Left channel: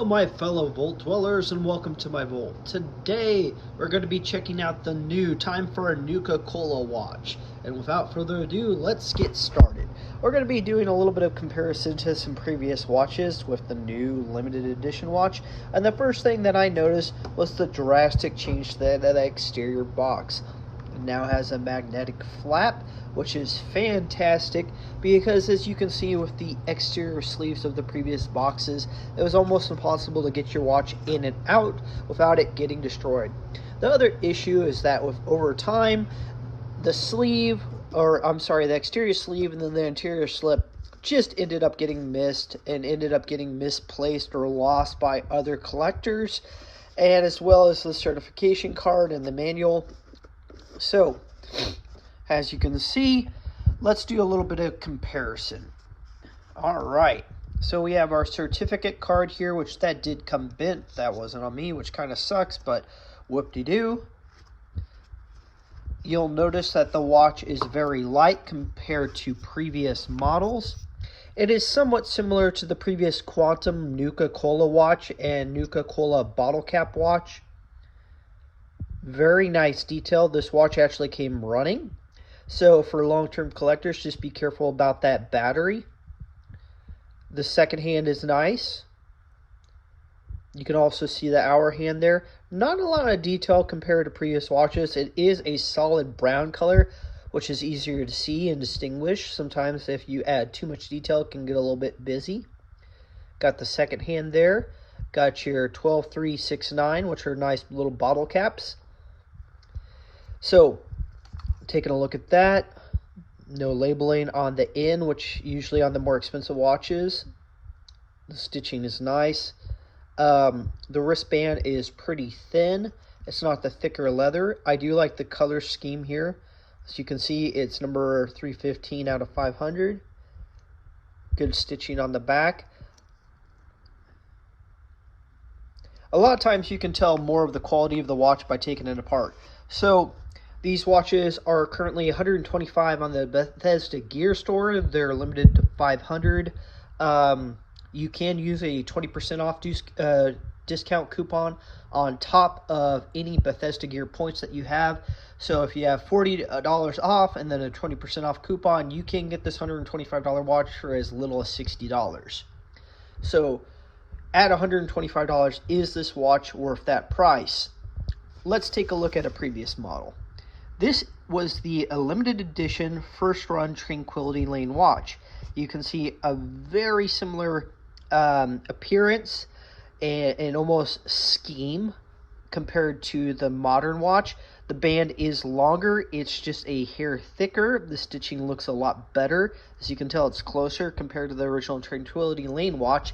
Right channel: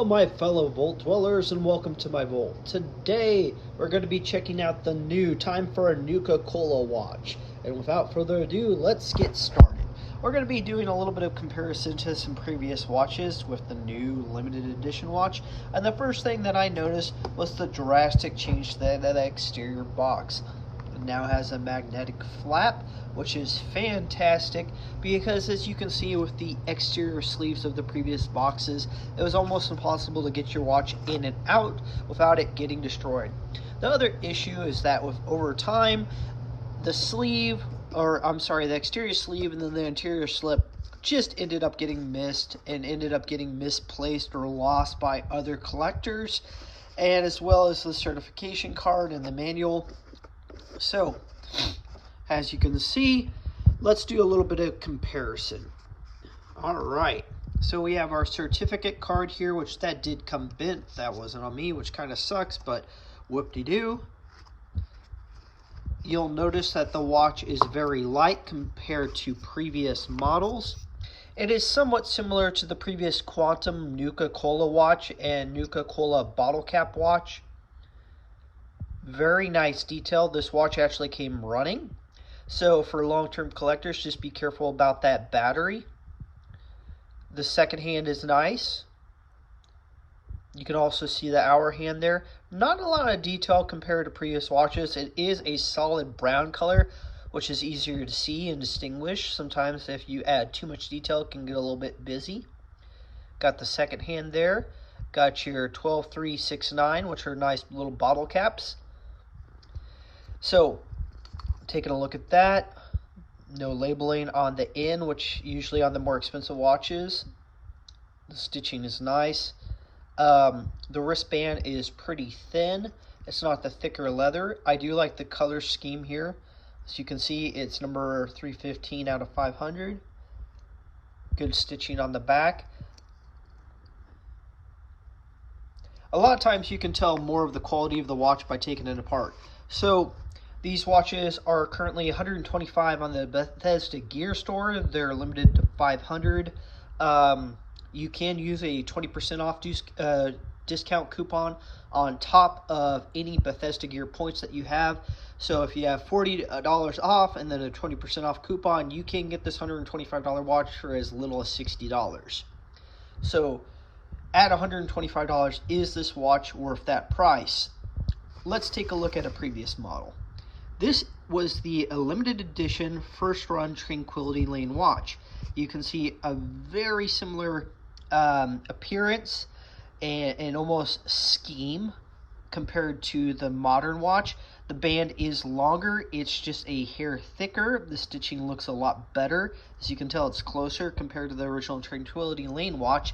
Hello my fellow vault dwellers and welcome to my vault. Today we're going to be checking out the new Time for a Nuka Cola watch. And without further ado, let's get started. We're going to be doing a little bit of comparison to some previous watches with the new limited edition watch. And the first thing that I noticed was the drastic change to the exterior box. It now has a magnetic flap, which is fantastic because, as you can see with the exterior sleeves of the previous boxes, it was almost impossible to get your watch in and out without it getting destroyed. The other issue is that over time, the exterior sleeve and then the interior slip just ended up getting missed and ended up getting misplaced or lost by other collectors, and as well as the certification card and the manual. So, as you can see, let's do a little bit of comparison. Alright, so we have our certificate card here, which that did come bent. That wasn't on me, which kind of sucks, but whoop-de-doo. You'll notice that the watch is very light compared to previous models. It is somewhat similar to the previous Quantum Nuka Cola watch and Nuka Cola bottle cap watch. Very nice detail. This watch actually came running. So for long-term collectors, just be careful about that battery. The second hand is nice. You can also see the hour hand there. Not a lot of detail compared to previous watches. It is a solid brown color, which is easier to see and distinguish. Sometimes if you add too much detail, it can get a little bit busy. Got the second hand there. Got your 12369, which are nice little bottle caps. So, taking a look at that, no labeling on the end, which usually on the more expensive watches. The stitching is nice. The wristband is pretty thin. It's not the thicker leather. I do like the color scheme here. As you can see, it's number 315 out of 500. Good stitching on the back. A lot of times you can tell more of the quality of the watch by taking it apart. So, these watches are currently $125 on the Bethesda Gear Store. They're limited to 500. You can use a 20% off discount coupon on top of any Bethesda Gear points that you have. So if you have $40 off and then a 20% off coupon, you can get this $125 watch for as little as $60. So at $125, is this watch worth that price? Let's take a look at a previous model. This was the limited edition first run Tranquility Lane watch. You can see a very similar appearance and almost scheme compared to the modern watch. The band is longer, it's just a hair thicker. The stitching looks a lot better. As you can tell, it's closer compared to the original Tranquility Lane watch.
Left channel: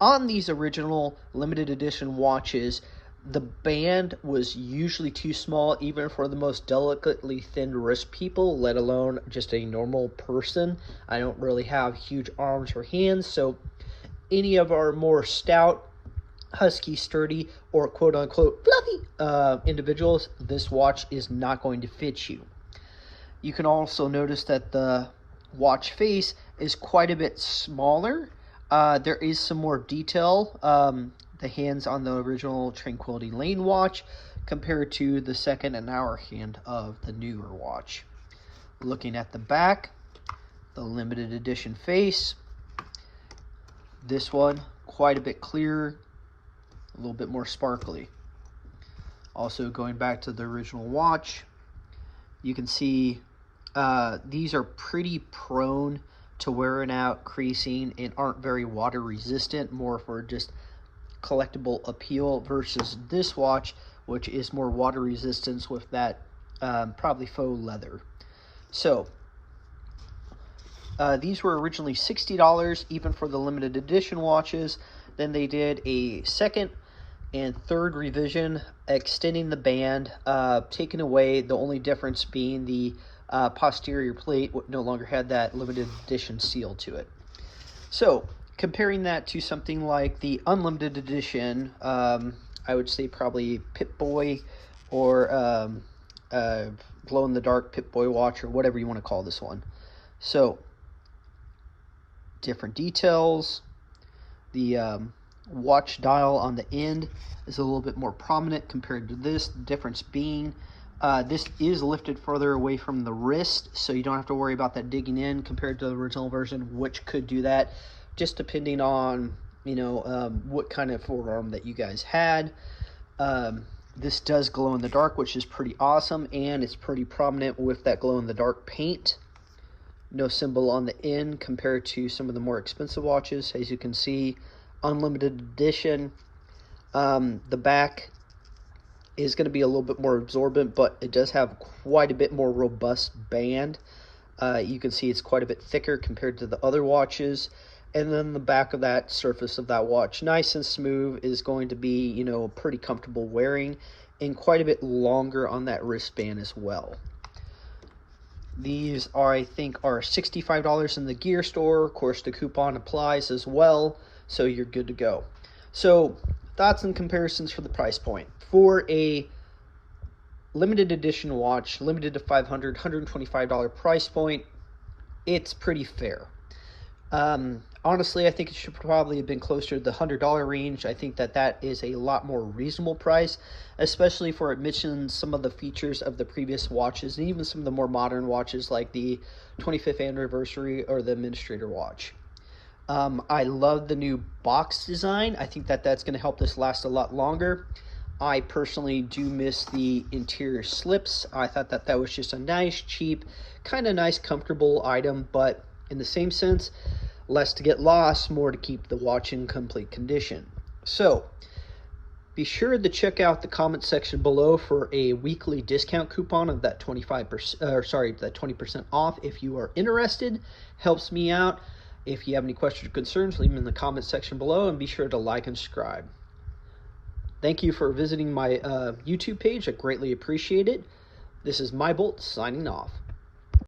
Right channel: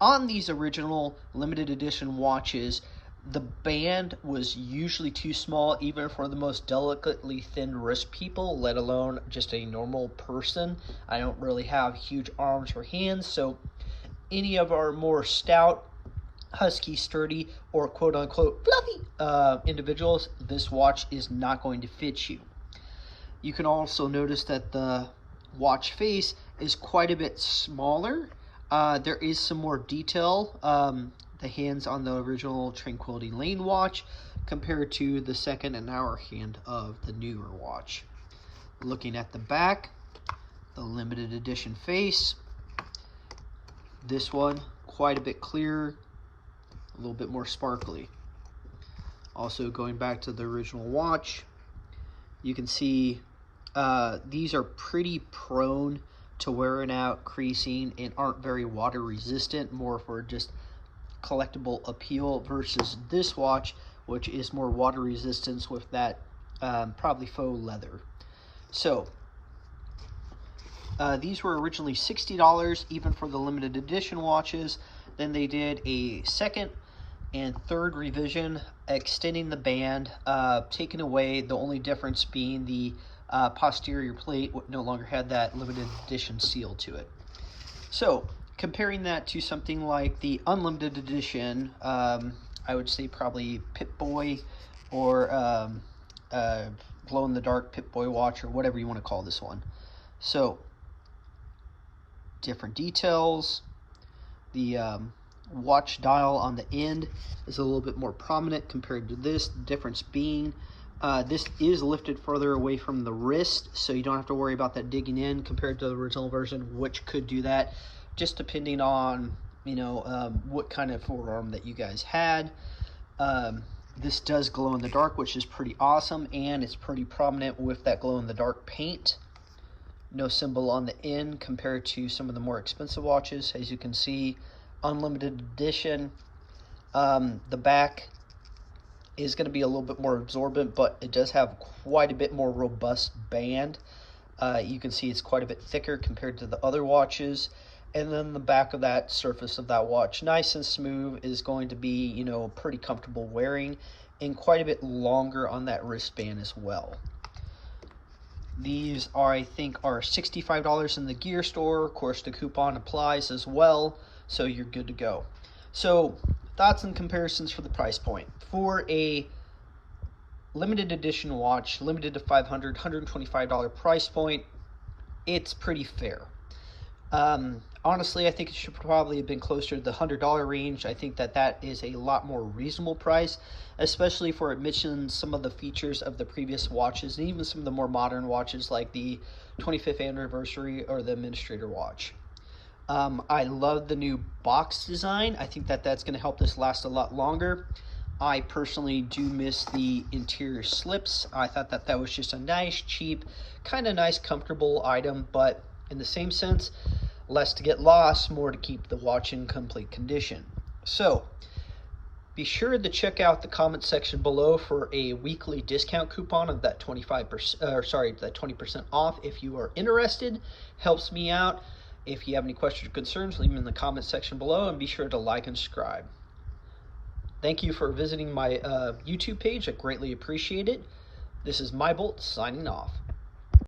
On these original limited edition watches, the band was usually too small even for the most delicately thinned wrist people, let alone just a normal person. I don't really have huge arms or hands, so any of our more stout, husky, sturdy, or quote-unquote fluffy individuals, this watch is not going to fit you. You can also notice that the watch face is quite a bit smaller. There is some more detail. The hands on the original Tranquility Lane watch compared to the second and hour hand of the newer watch. Looking at the back, the limited edition face. This one, quite a bit clearer, a little bit more sparkly. Also going back to the original watch, you can see these are pretty prone to wearing out, creasing, and aren't very water resistant, more for just collectible appeal, versus this watch, which is more water resistance with that probably faux leather. So these were originally $60 even for the limited edition watches. Then they did a second and third revision, extending the band, taking away, the only difference being the posterior plate no longer had that limited edition seal to it. So comparing that to something like the unlimited edition, I would say probably Pip-Boy or glow-in-the-dark Pip-Boy watch, or whatever you want to call this one. So different details. The watch dial on the end is a little bit more prominent compared to this. The difference being this is lifted further away from the wrist, so you don't have to worry about that digging in compared to the original version, which could do that, just depending on what kind of forearm that you guys had. This does glow in the dark, which is pretty awesome, and it's pretty prominent with that glow in the dark paint. No symbol on the end compared to some of the more expensive watches. As you can see, unlimited edition. The back is going to be a little bit more absorbent, but it does have quite a bit more robust band. You can see it's quite a bit thicker compared to the other watches. And then the back of that surface of that watch, nice and smooth, is going to be, pretty comfortable wearing, and quite a bit longer on that wristband as well. These I think are $65 in the gear store. Of course, the coupon applies as well, so you're good to go. So, thoughts and comparisons for the price point. For a limited edition watch, limited to $500, $125 price point, it's pretty fair. Honestly, I think it should probably have been closer to the $100 range. I think that is a lot more reasonable price, especially for it mentions some of the features of the previous watches, and even some of the more modern watches like the 25th anniversary or the Administrator watch. I love the new box design. I think that's going to help this last a lot longer. I personally do miss the interior slips. I thought that was just a nice, cheap, kind of nice, comfortable item, but in the same sense, less to get lost, more to keep the watch in complete condition. So, be sure to check out the comment section below for a weekly discount coupon of that 20% off if you are interested. Helps me out. If you have any questions or concerns, leave them in the comment section below, and be sure to like and subscribe. Thank you for visiting my YouTube page. I greatly appreciate it. This is MyBolt signing off.